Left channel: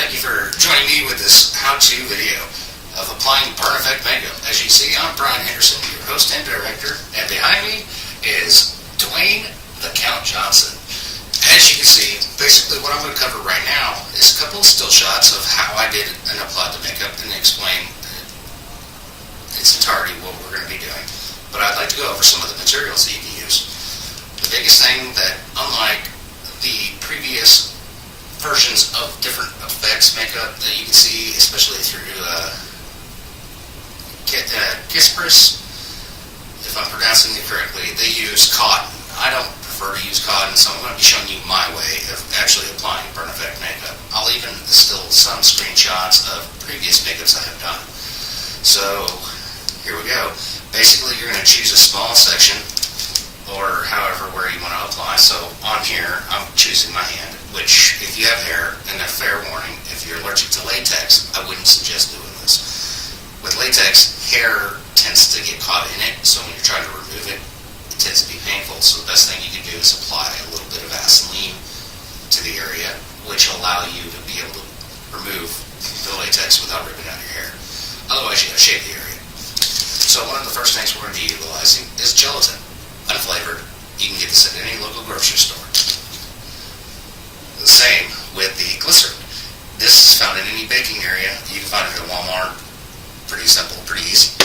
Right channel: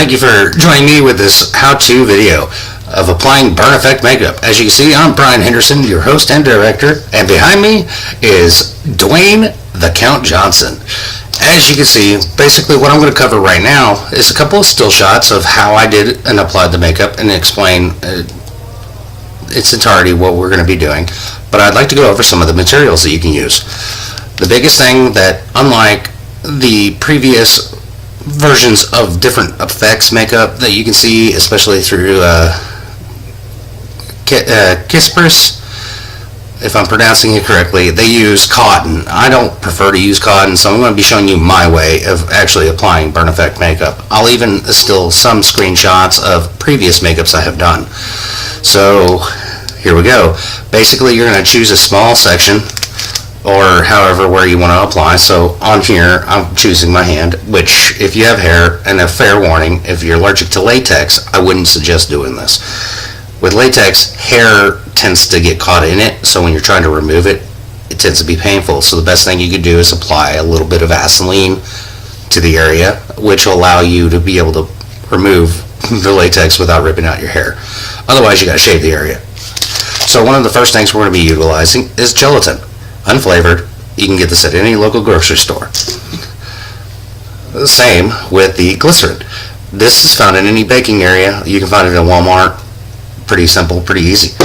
Thank you for joining me with this how-to video of applying burn effect makeup. As you can see, I'm Brian Henderson, your host and director, and behind me is Dwayne the Count Johnson. As you can see, basically what I'm going to cover right now is a couple of still shots of how I did and applied the makeup and explain its entirety what we're going to be doing. But I'd like to go over some of the materials that you can use. The biggest thing that, unlike the previous versions of different effects makeup that you can see, especially through Kispers, if I'm pronouncing it correctly, they use cotton. I don't prefer to use cotton, so I'm going to be showing you my way of actually applying burn effect makeup. I'll even still some screenshots of previous makeups I have done. So here we go. Basically, you're going to choose a small section, or however where you want to apply. So on here, I'm choosing my hand, which if you have hair, and a fair warning, if you're allergic to latex, I wouldn't suggest doing this. With latex, hair tends to get caught in it, so when you're trying to remove it, it tends to be painful. So the best thing you could do is apply a little bit of Vaseline to the area, which will allow you to be able to remove the latex without ripping out your hair. Otherwise, you got to shave the area. So one of the first things we're going to be utilizing is gelatin. Unflavored. You can get this at any local grocery store. The same with the glycerin. This is found in any baking area. You can find it in Walmart. Pretty simple, pretty easy.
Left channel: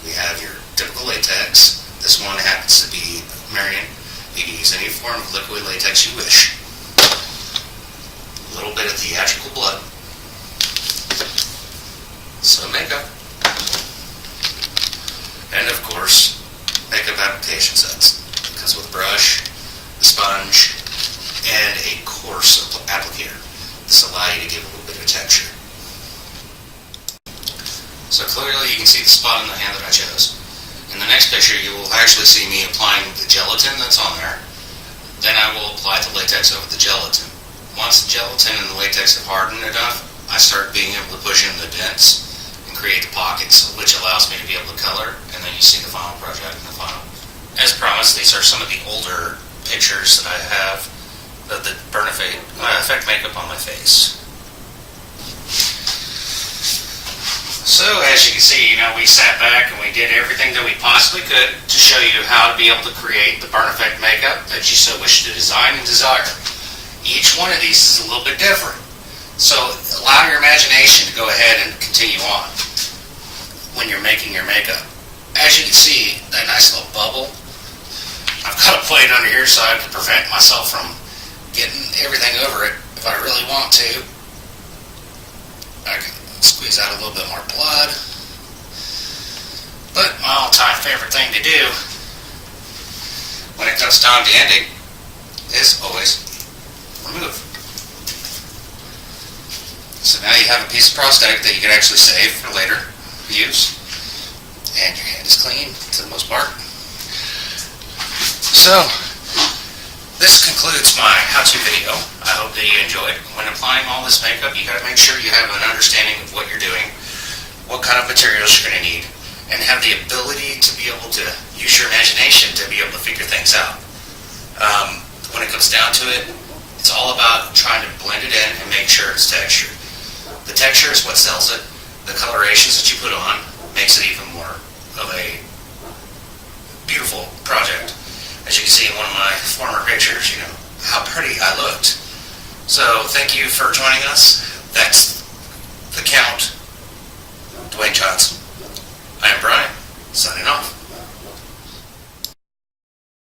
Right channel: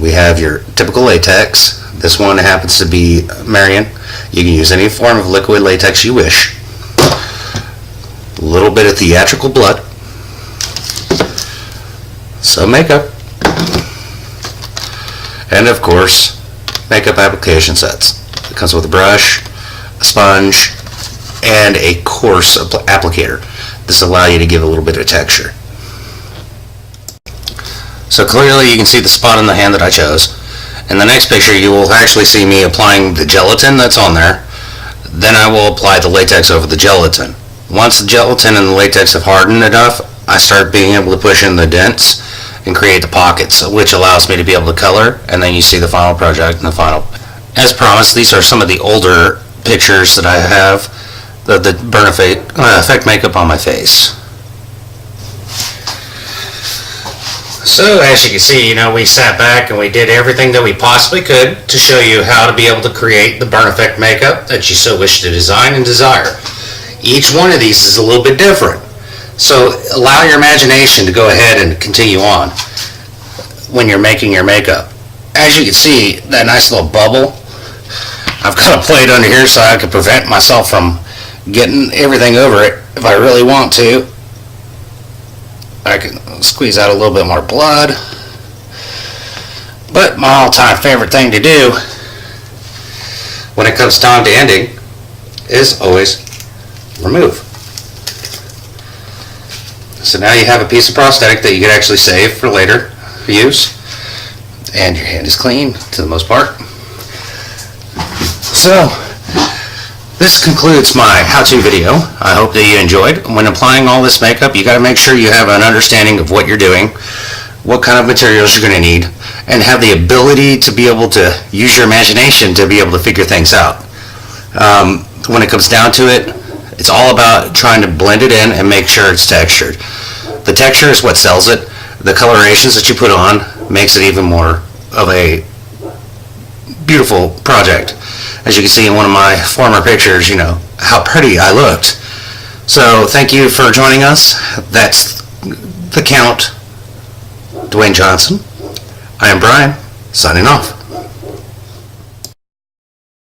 We have your typical latex. This one happens to be Marion. You can use any form of liquid latex you wish. A little bit of theatrical blood. Some makeup. And of course, makeup application sets. It comes with a brush, a sponge, and a coarse applicator. This will allow you to give a little bit of texture. So clearly you can see the spot in the hand that I chose. In the next picture you will actually see me applying the gelatin that's on there. Then I will apply the latex over the gelatin. Once the gelatin and the latex have hardened enough, I start being able to push in the dents and create the pockets, which allows me to be able to color, and then you see the final project and the final. As promised, these are some of the older pictures that I have of the burn effect makeup on my face. So as you can see, we sat back and we did everything that we possibly could to show you how to be able to create the burn effect makeup that you so wish to design and desire. Each one of these is a little bit different. So allow your imagination to go ahead and continue on when you're making your makeup. As you can see, that nice little bubble, I've got a plate under here so I can prevent myself from getting everything over it. If I really want to, I can squeeze out a little bit more blood. But my all-time favorite thing to do when it comes time to ending is always remove. So now you have a piece of prosthetic that you can actually save for later use, and your hand is clean to the most part. So this concludes my how-to video. I hope that you enjoyed. When applying all this makeup, you got to make sure you have an understanding of what you're doing, what kind of materials you're going to need, and have the ability to be able to use your imagination to be able to figure things out. When it comes down to it, it's all about trying to blend it in and make sure it's textured. The texture is what sells it. The colorations that you put on makes it even more of a beautiful project. As you can see in one of my former pictures, how pretty I looked. So thank you for joining us. That's the Count, Dwayne Johnson. I am Brian, signing off.